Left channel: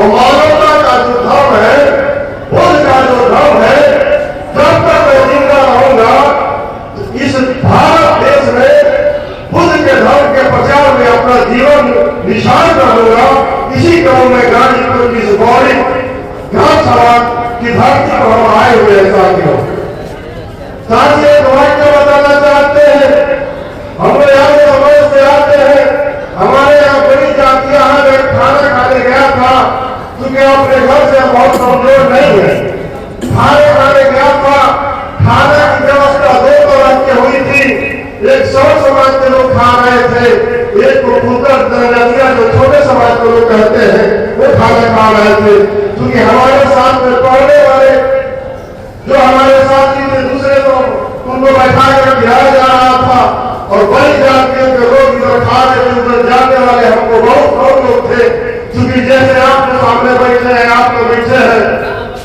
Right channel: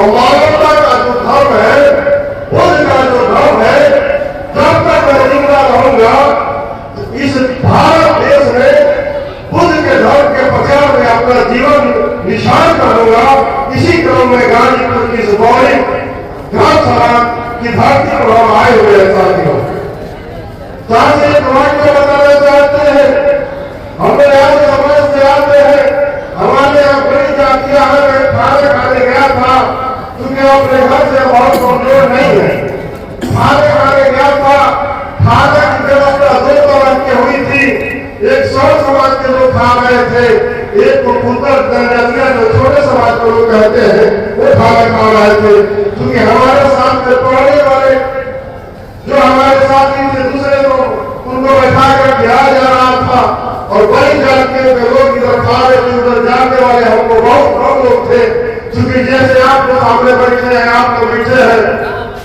और मानवता का जो धर्म है, बुद्ध का जो धर्म है, जब तक मैं जिंदा रहूंगा इस भारत देश में बुद्ध के धर्म के प्रचार में अपना जीवन निशान करूंगा। इसी क्रम में गाजीपुर की बड़ी धर्मशाला की धरती पर हम आए हुए हैं साथियों। साथियों तुम्हारे को बताना चाहते हैं, हम यहाँ समाज से आते हैं, हमारे यहाँ बड़ी जातियां हैं। मैं खाना खाने गया था क्योंकि अपने घर से बहुत कमजोर नहीं है, खाने खाने गया था। खाना की व्यवस्था 2 तरह की हुई थी, एक 100 समाज के लोग खा रहे थे, एक पुत्र जनजातियां जो छोटे समाज को लोग कहते हैं वो खाना खा रहे थे। क्योंकि हमारे साथ में पढ़ने वाले जो हमारे साथी थे दूसरे लोग उनको बैठा कर खिलाया जा रहा था और वही जाके लोग इधर खा रहे थे, उधर जानने वाले हमको बहुत कम लोग थे। क्योंकि जैसे आपके सामने बैठे हैं, आप तो बैठे हैं,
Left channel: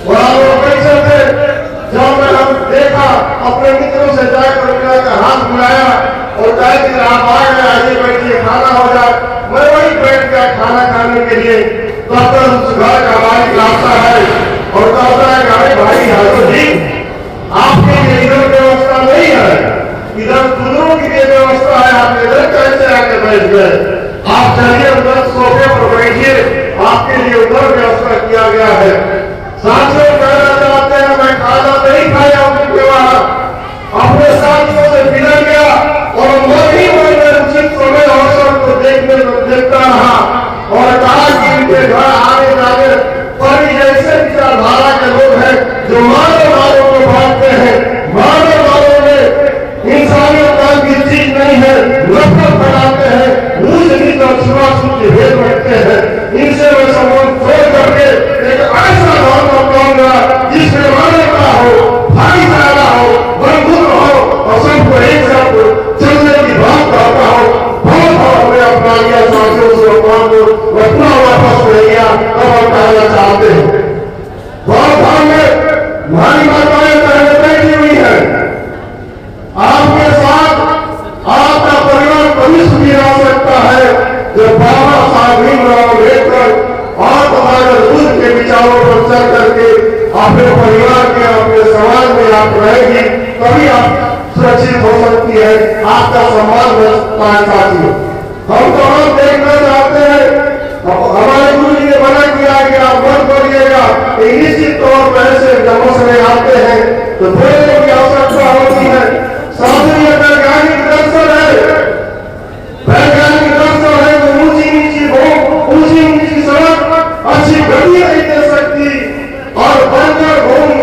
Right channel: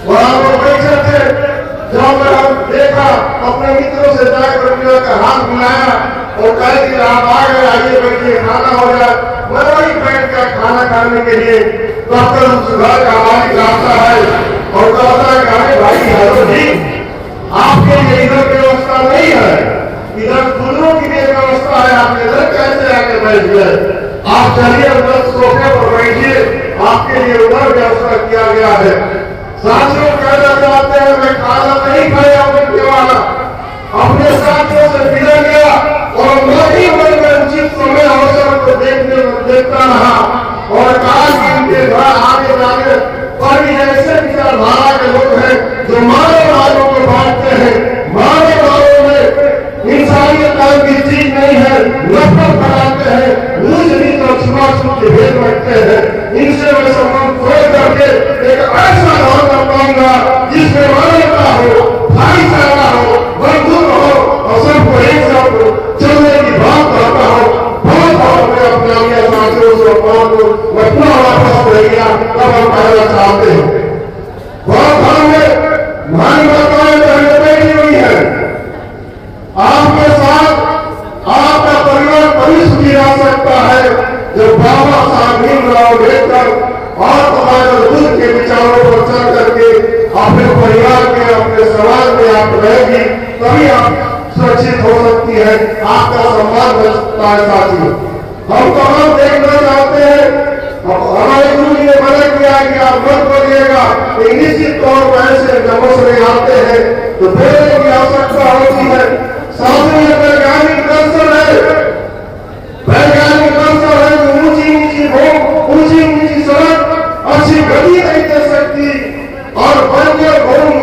वहां लोग बैठे थे। जब मैंने देखा अपने मित्रों से जाकर मिला का हाथ मिलाया और कहे कि आप आ गए, आइए बैठिए, खाना हो जाए। मैं वही बैठ गया खाना खाने के लिए। डॉक्टर उस घर का मालिक आता है और कहता है कि अरे भाई हाजिर जी, आपके लिए इधर व्यवस्था नहीं है, इधर दूसरों की व्यवस्था है, आप इधर कैसे आके बैठ गए? आप चलिए उधर सोफे पर बैठिए, आपके लिए उधर व्यवस्था किया गया है। साथियों कहना चाहते हैं, मैं खाना नहीं खाया उनके वहां, अपने साथियों से मिला गया और मैं उचित समय अवसर को देखता रहा और कहा कि इनके घर आने जाने बड़ी ऐसे विचारधारा के लोग हैं जो मानव वालों को बांटते हैं, मानव वालों में इंसानियत नाम की चीज नहीं है, नफरत फैलाते हैं, ऊंच नीच और छुआछूत के भेद रखते हैं। इनसे मैं संबंध खोल करके एक ऐसा धर्म अपनाऊंगा जिसमें मानवता हो, भाईचारा हो, बंधुत्व हो और सबको एक साथ चलने की बात करता हो। बहुत भाव में अपना लिया साथियों से अपना को रखना वापस ले गया। अब हम कहना चाहते हैं, बहुत भाव में हमारी माताएं बहनें बैठी हुई है, आपके साथ आपका परिवार कभी सुखी रह सकता है जब बाबा साहब भीमराव अम्बेडकर और समाज बुद्ध के विचारों पर चल करके अपने परिवार के, अपने समाज में आप रहेंगी, तभी आप सुरक्षित हो सकती है, आपका सम्मान हो सकता है। साथियों हम तो हम देखना चाहते हैं, हमारे गुरु जी ने मना किया कि आप मत बोलिएगा, निश्चित तौर पर ऐसे जमस में आते हैं तो बोलने की आवश्यकता होती है। साथ ही वैज्ञानिक दर्शन है, वैज्ञानिक दर्शन है तो ऊंची नीची भूख, ऊंची नीची सड़क अच्छी गति नहीं दे सकती और बंजर भूमि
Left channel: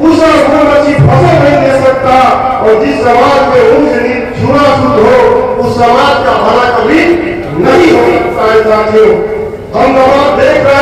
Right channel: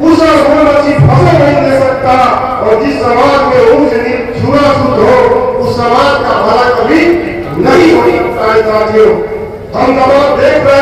ऊषा भूमि अच्छी फसल नहीं दे सकता। और जिस समाज में ऊंच नीच छूना-छूत हो उस समाज का भला कभी नहीं हो सकता है। साथियों हम दबाव देख रहे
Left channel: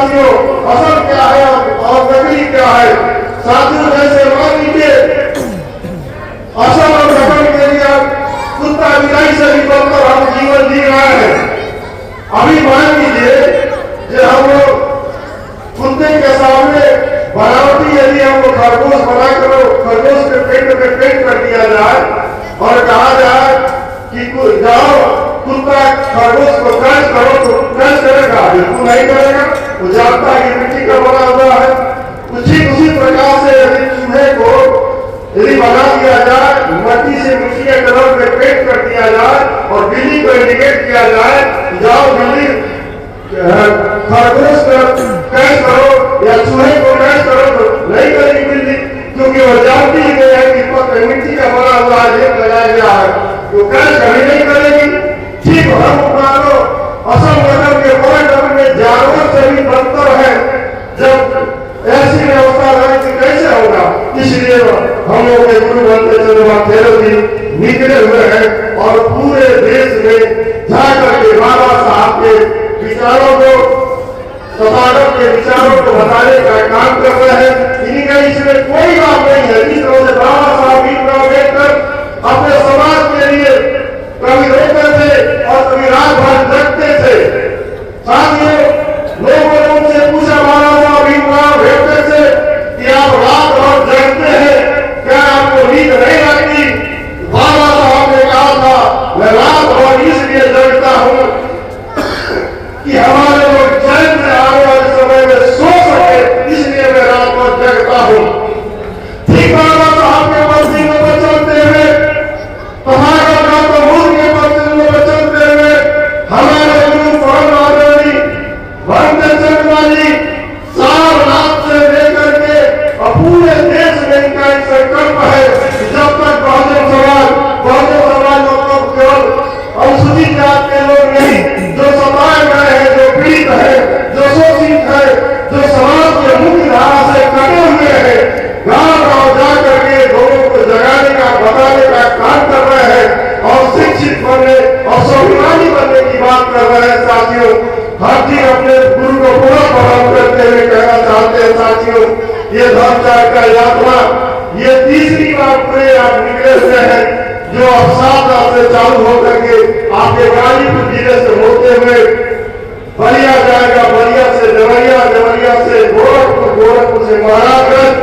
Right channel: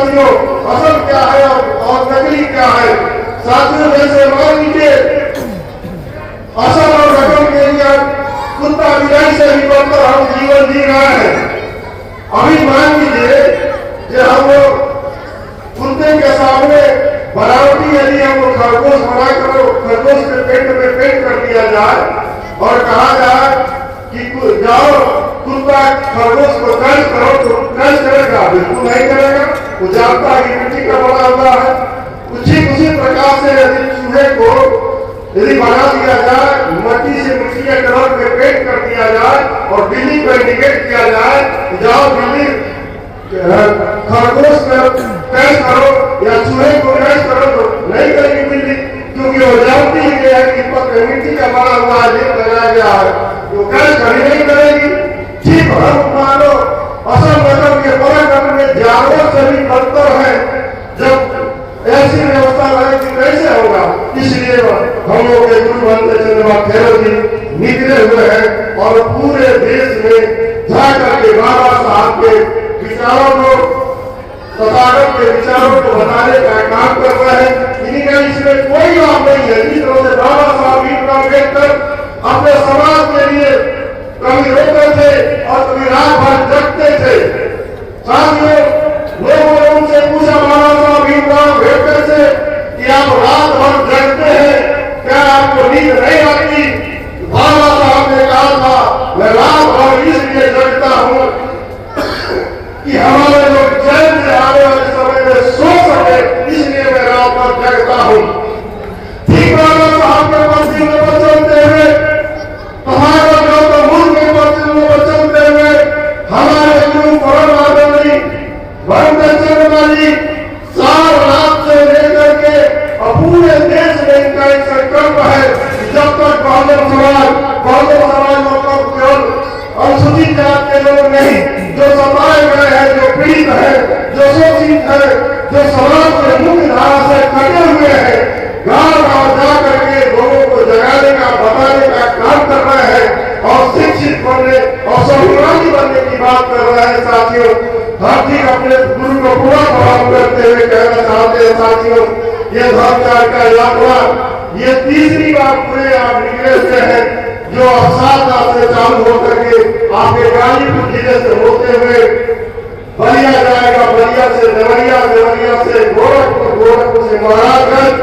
साथियों असल क्या है और नकली क्या है। साथियों जैसे मान लीजिए असल और नकल के लिए कुत्ता बिलाई से भी बढ़कर हम जीवन जी रहे हैं। अभी मान लीजिए कि हम लोग कुत्ते के सामने बनावटी यदि हम लोग खरगोश बनाकर खरगोश के पेट में पेट कर दिया जाए और कहा जाए कि जाओ कुत्ता खरगोश को क्रश करो तो क्रश करेगा? बिल्कुल नहीं करेगा। वो जानता है कि मिट्टी का बना हुआ है। उसी प्रकार से यदि चूहे को यदि बना दिया जाए, मट्टी से मिट्टी के कलर में पेंट कर दिया जाए और बिल्ली को इंडिकेट किया जाए जाओ बिल्ली खरगोश का क्रश करो या चूहे को क्रश करो, तो नहीं करेगी बिल्ली, क्योंकि वो जानती है कि मिट्टी का बना हुआ है, लगाया गया है, तो क्रश कभी नहीं करेगी। ठीक हम मानो असल नकल के पराक्रम में जानवर से भी बदतर है। जब ऐसी व्यवस्था रहे कि कैसे होगा, इसलिए हम लोग के गुरु बंदे चंद्रमा जी निकले हुए हैं और पूरे देश में जाकर के बाबा साहब के विचारों को तथागत के विचारों को बताने का काम कर रहे हैं। इन्हीं का इसमें कोई बात नहीं है। जिस तरह से बाबा साहब भीमराव अम्बेडकर अपने समाज के लिए कभी रोते थे और कभी रात भर जगते थे। साथियों लोगों ने उनसे पूछा बाबा साहब भीमराव अम्बेडकर से कि आप रात भर जगते हैं, क्या आपको नींद नहीं लगती? बाबा साहब ने कहा था मैं रात भर इसलिए जगता हूँ कि हमारे लोग चैन से आने वाले समय में सो सके, इसलिए मैं रात भर जगता हूँ। ठीक बाबा साहब के बस्ती में चलते हुए अपने गुरु को पूरा प्रणाम करते हुए कहना चाहते हैं साथियों, ये धर्मचार का यात्रा ये तीसरी बार पूरे आप निकले हुए हैं, जो अब 7 से चालू होकर के आपके गाजीपुर जिले से होते हुए बलिया जाएगा, बलिया से देवरिया, देवरिया से गोरखपुर, गोरखपुर से महाराजगंज,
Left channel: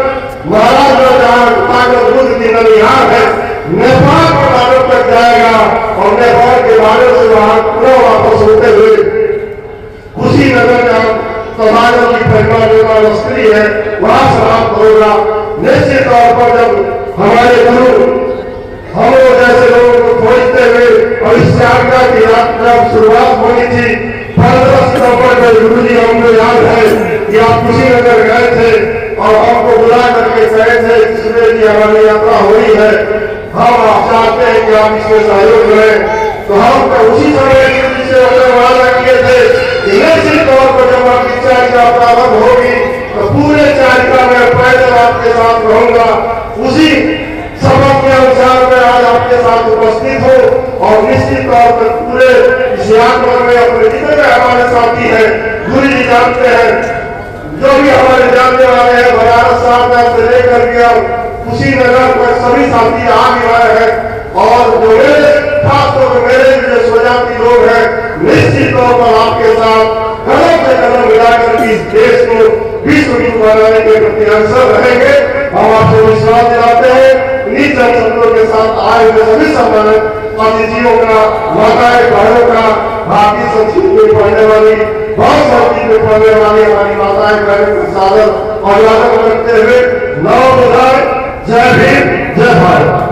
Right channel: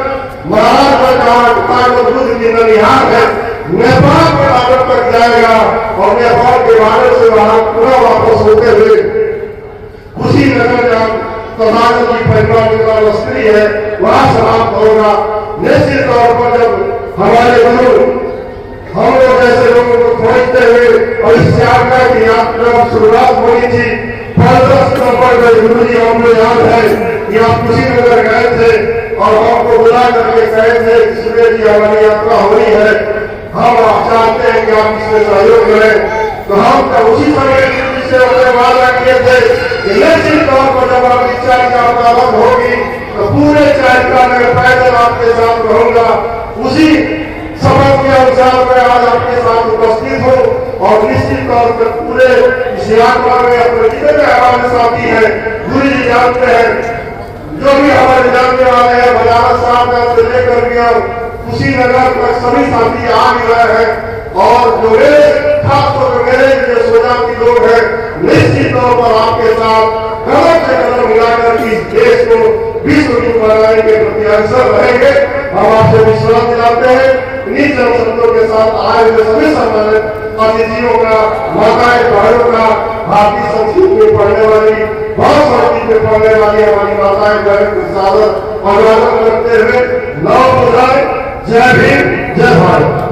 महाराजगंज जहाँ बुद्ध की ननिहाल है, नेपाल बॉर्डर तक जाएगा और नेपाल के बॉर्डर से वहां पूरा वापस होते हुए कुशीनगर जहाँ तथागत की परिवार स्त्री है वहां समाप्त होगा। निश्चित तौर पर जब हमारे गुरु हम लोग जैसे लोगों को खोजते हुए और इस यात्रा की यात्रा शुरुआत होनी थी 15 सितंबर में गुरु जी हमको याद है कि आप कुशीनगर गए थे और हमको बुला करके कहे थे कि सुबह जी हमारी यात्रा हो रही है, हम आप चाहते हैं कि आप इसमें सहयोग करें। तो हम तो उसी समय से वादा किए थे कि निश्चित तौर पर जब आपकी चारिका प्रारंभ होगी तो पूरे चारिका में पैदल आपके साथ रहूंगा। उसी सबक के अनुसार मैं आज आपके साथ उपस्थित हूँ और निश्चित तौर पर पूरे इस यात्रा में अपने जितने भी हमारे साथी हैं गुरु जी जानते हैं, जो भी हमारे जानने वाले हैं बनारस साहब से लेकर के कुशीनगर तक सभी साथी आ भी रहे हैं और जो मेरे खासतौर पर मेरे जो स्वजाति लोग हैं निश्चित तौर पर आपके साथ कदम से कदम मिलाकर इस देश को विश्व गुरु बनाने के प्रति अग्रसर रहेंगे। हम आपको विश्वास दिलाते हैं। इन्हीं जनशक्तियों के साथ आए हुए सभी सम्मानित अतिथियों का, माताएं बहनों का, भारतीय संस्कृति में पढ़ने वाली, बहुत संस्कृति में पढ़ने वाली हमारी माताएं बहनों को सादर अभिवादन करते हुए नव बुधाएं। जय भीम, जय भारत।